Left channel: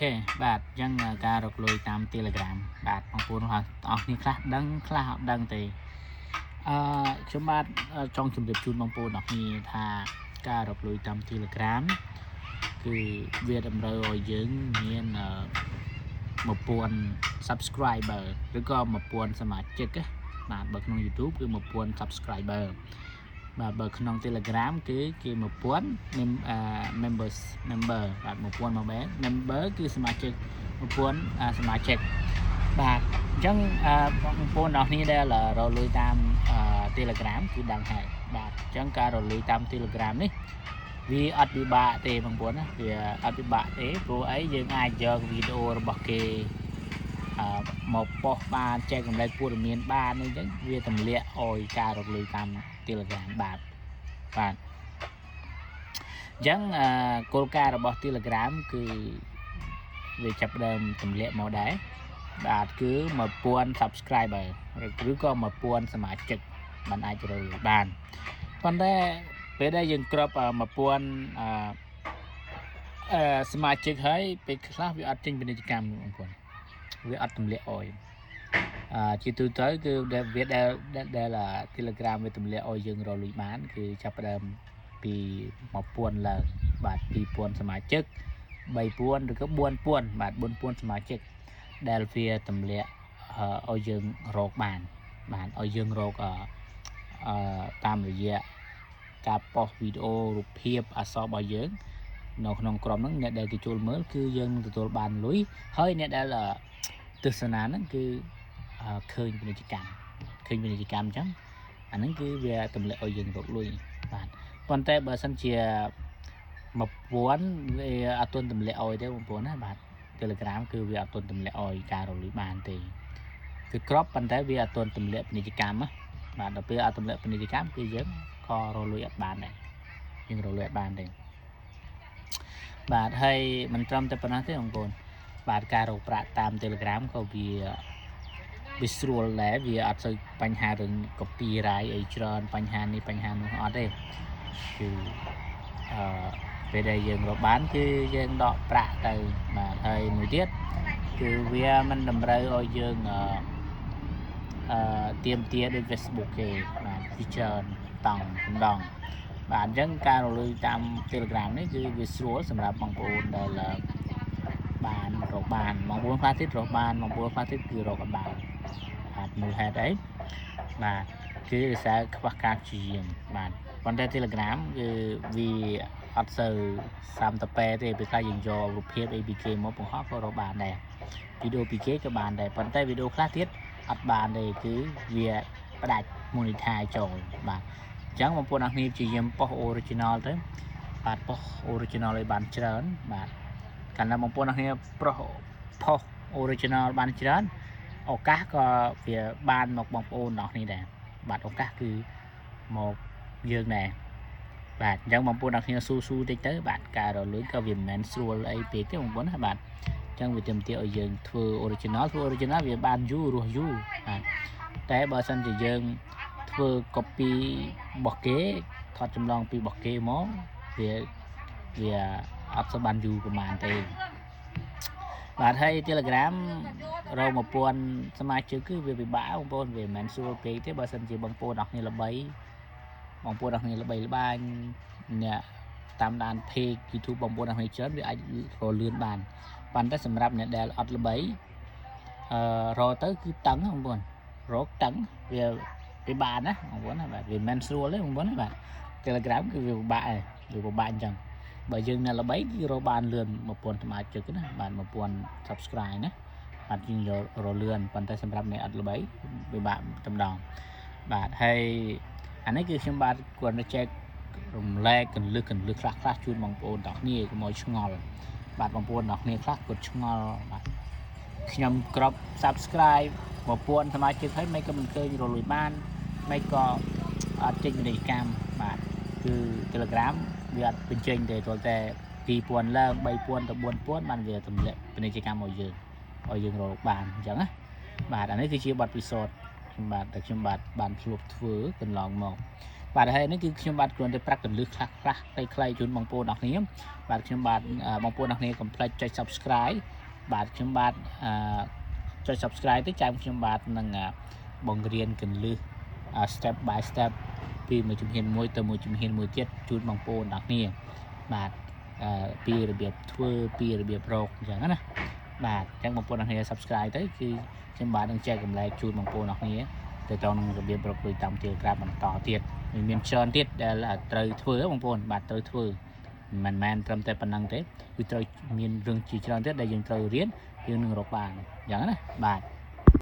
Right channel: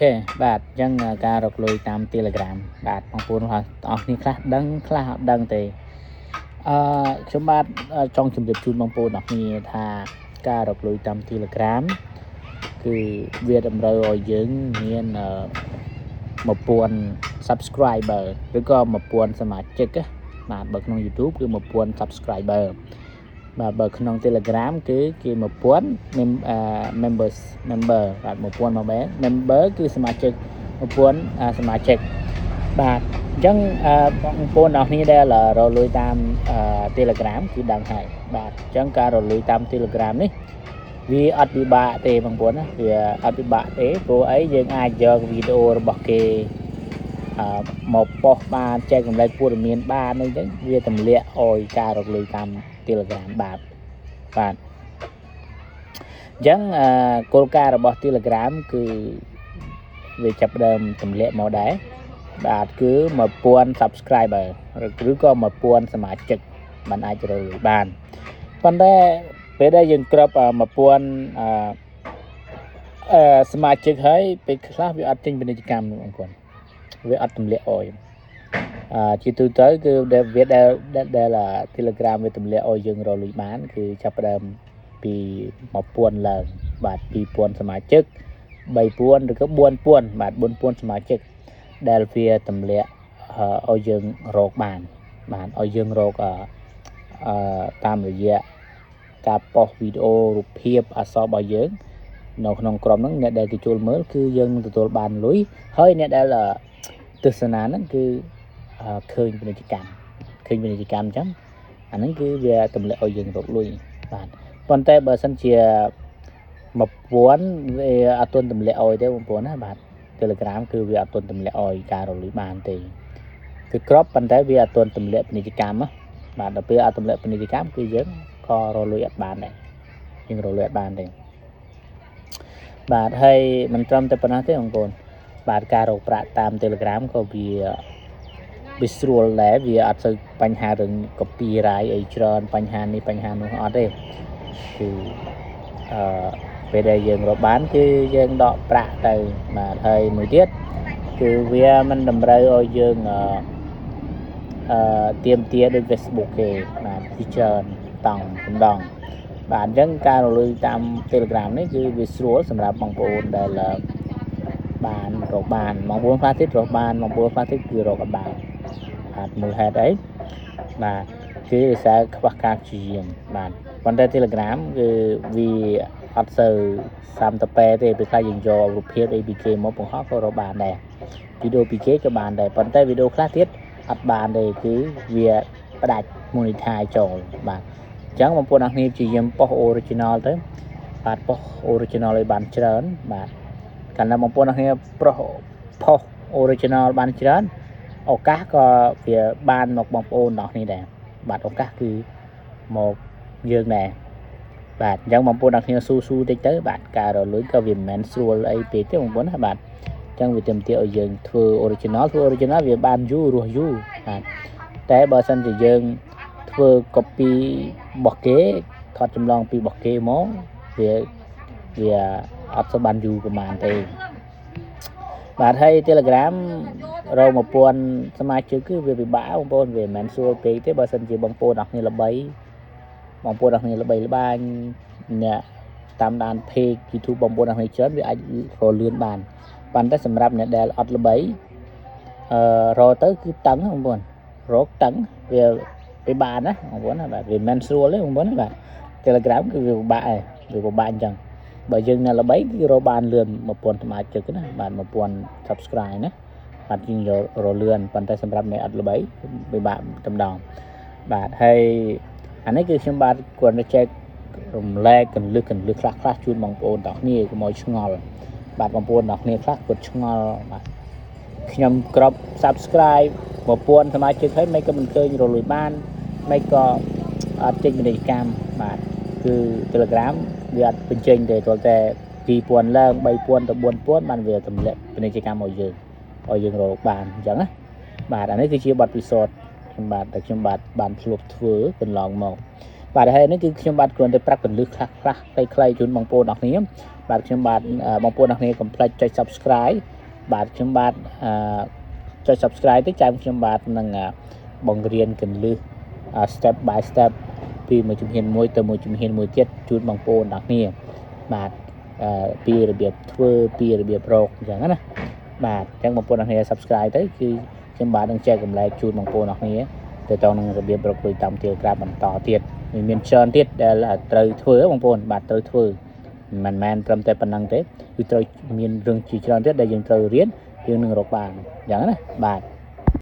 Ok, bạn dân ca rọc lùi tam Telegram bạn mong muốn hoặc níខ្លះដឹងទេខ្ញុំបាទចង់ជម្រាបជូនបងប្អូនអរគ្នាថាការរកលុយតាម Telegram គឺវាតម្រូវឲ្យយើងមាន1000 subscriber ឬក៏1000សមាជិកបាទបើក្នុង YouTube គឺ1000 subscriber បាទបើក្នុង Telegram គឺគេ1000 member បាទ1000 member គឺសមាជិក1000សមាជិកបាទអញ្ចឹងបងប្អូនអរគ្នាដែលរលួយតាម Telegram គឺដឹងហើយបាទអញ្ចឹងការរលួយតាម Telegram នេះវាអត់ពិបាកទេបងប្អូនណាវាអត់ពិបាកទេព្រោះអីយើងអាចយកវីដេអូរបស់គេមកប៉ុស្តិ៍បានចែកចម្លែកព័ត៌មានបានអីចឹងវាទម្លាក់ឲ្យការរកលុយតាម Telegram បាទអញ្ចឹងគោលការណ៍របស់ Telegram គឺវាចាប់ផ្ដើមទម្លាក់មកដែរបាទគឺ1000 subscriber ឬក៏1000សមាជិកมันអាចរកលុយបានប៉ុន្តែពេលដែលយើងគ្រប1000សមាជិកហើយពេលខ្លះវាអត់ចេញពាណិជ្ជកម្មបងប្អូនវាអត់ទម្លាក់អយជាទូទៅគឺវាដែល Telegram វាទម្លាក់ឲ្យយើងរកលុយបានគឺចាប់ផ្ដើមពី1000ឡើងបាទ2000សមាជិក3000ឬក៏4000បាទ4000សមាជិកដែលវាទម្លាក់ឲ្យយើងរកបានឲ្យយើងរកតាមរយៈការប៉ុស្តិ៍វីដេអូរូបភាពអក្សររបស់យើងនៅក្នុងក្រុមហ្នឹងអ្នកដែលគេចូលមើលគឺយើងនឹងទទួលបានលុយហើយអ្នកដែលទស្សនាហ្នឹងគឺឃើញពាណិជ្ជកម្មអញ្ចឹងអាហ្នឹងគឺវាទម្លាក់ឲ្យយើងរកលុយបាទប៉ុន្តែបើសិនជា1000វាអត់ទាន់ទម្លាក់ឲ្យទេបងប្អូនណាបាទ Telegram គឺវាអត់ទាន់ទម្លាក់ឲ្យការរកលុយបានទេគឺគ្រាប់ប៉ុន្តែវាអត់ទាន់ទម្លាក់ពាណិជ្ជកម្មបាទដល់ពេលអត់ទម្លាក់ពាណិជ្ជកម្មគឺយើងក៏រកលុយអត់បានដែរយើងរកលុយអត់បានទេបាទហើយមិនត្រឹមតែប៉ុណ្ណោះទេបងប្អូនបាទការរកប្រាក់តាម Telegram ក៏វាស្រួលដែរវាអត់សូវបញ្ហារឿង copyright អីច្រើនបញ្ហានេះបញ្ហានោះអត់ទេគឺពេលដែលយើងរកបានគឺយើងដកប្រាក់ទៅបាទហើយមួយទៀតគឺវាមិនតម្រូវឲ្យយើងទៀមទាដូច Facebook គេបាទពីច្រើនម្ដងបាទអញ្ចឹងការរកលុយតាម Telegram នេះគឺវាស្រួលសម្រាប់បងប្អូនដែលបានរកបានបងប្អូនខ្លះទៀតរកបានបងប្អូនខ្លះទៀតគឺរកអត់បានបាទមូលហេតុអីបាទគឺដោយសារខ្វះការព្យាយាមបាទប៉ុន្តែ Telegram គឺវាអត់សូវសាំតប៉ែទេពេលខ្លះយើងយករូបភាព APK មកបង្ហោះក៏រកបានដែរវីដេអូ APK ក៏បានដែរប៉ុន្តែវីដេអូខ្លះទៀតអត់បានទេគឺវាផ្ដាច់ monetize ចូលបាទអញ្ចឹងបងប្អូនអរគ្នាព្យាយាមប៉ុស្តិ៍ original ទៅបាទប៉ុស្តិ៍ original ឲ្យបានច្រើនបាទកាលណាបងប្អូនអរគ្នាប៉ុស្តិ៍ original បានច្រើនឱកាសក៏វាបានមកបងប្អូនអរគ្នាដែរបាទឱកាសគឺមកយើងដែរបាទអញ្ចឹងបងប្អូនអរគ្នាស៊ូតិចទៅបាទការរលួយក៏វាមិនមែនស្រួលអីពេកទេបងប្អូនណាបាទអញ្ចឹងវាទាមទារឲ្យយើងធ្វើ original វាបានយូររស់យូរបាទតែបើសិនជាយើងធ្វើ copy របស់គេថតចម្លងពីរបស់គេមកវាអត់សូវបានយូរប្រហែលទេបាទហើយ Telegram រក1000សមាជិកគឺវាពិបាកបងប្អូនវាមិនមែនស្រួលពេកទេបើសិនជាបងប្អូនអរគ្នាល្បីបងប្អូនអរគ្នាល្បីល្បាញអ្នកតាមដាន page YouTube បងប្អូនអរគ្នាច្រើនវាអាចរលឿនបានប៉ុន្តែសម្រាប់អ្នកដែលអត់ល្បីរកទៅគឺតឹងបងប្អូនរកតឹងវាពិបាកណាបងប្អូនណាបាទវាមិនមែនស្រួលទេបងប្អូនណាបាទ Telegram គឺវាពិបាកអញ្ចឹងបើយើងអ្នកល្បីគឺរកបានលឿន1000សមាជិកណាបាទ1000 subscribe ណាបាទយើងយករលឿនប៉ុន្តែសម្រាប់អ្នកអត់ល្បីពិបាកតែម្ដងបាទហើយអានេះគឺខ្ញុំបាទគាត់ទៅចែករំលែកកន្លឹះខ្លះជូនបងប្អូនទាំងគ្នាកុំឲ្យឆ្ងល់បាទបងប្អូនទាំងគ្នាខ្លះគាត់ឆ្ងល់បាទខ្ញុំក្រប subscribe 1000សមាជិកហើយមិនក៏មិនឃើញរលួយបានមិនក៏អត់ចេញពាណិជ្ជកម្មបាទគឺ Telegram វាអត់បញ្ចេញទេគ្រាន់តែ2000ឡើង3000ទៅ4000បានវាទម្លាក់ពាណិជ្ជកម្មឲ្យយើងរកបានអញ្ចឹងណាបាទអានេះគឺជាបទពិសោធន៍ខ្ញុំបាទបានធ្លាប់ធ្វើកន្លងមក បាទហើយនេះគឺខ្ញុំបាទគ្រាន់តែប្រាប់កន្លឹះខ្លះខ្លីៗជូនបងប្អូនអរគ្នាបាទខ្ញុំបាទបងប្អូនអរគ្នាកុំភ្លេចចុច Subscribe បាទខ្ញុំបាទចុច Subscribe ទៅចាំខ្ញុំបាទនឹងបង្រៀនកន្លឹះ step by step ពីមួយជំហានមួយទៅមួយជំហានមួយទៀតជូនបងប្អូនអរគ្នាបាទពីរបៀបធ្វើពីរបៀបរកអញ្ចឹងណាបាទអញ្ចឹងបងប្អូនអរគ្នា Subscribe ទៅគឺខ្ញុំបាទនឹងចែករំលែកជូនបងប្អូនអរគ្នាទៅទៅនឹងរបៀបរកលុយតាម Telegram បន្តទៀតមានច្រើនទៀតដែលត្រូវធ្វើបងប្អូនបាទត្រូវធ្វើមិនមែនត្រឹមតែប៉ុណ្្នឹងទេគឺត្រូវមានរឿងជាច្រើនទៀតដែលយើងត្រូវរៀនយើងនឹងរកបានអញ្ចឹងណាបាទ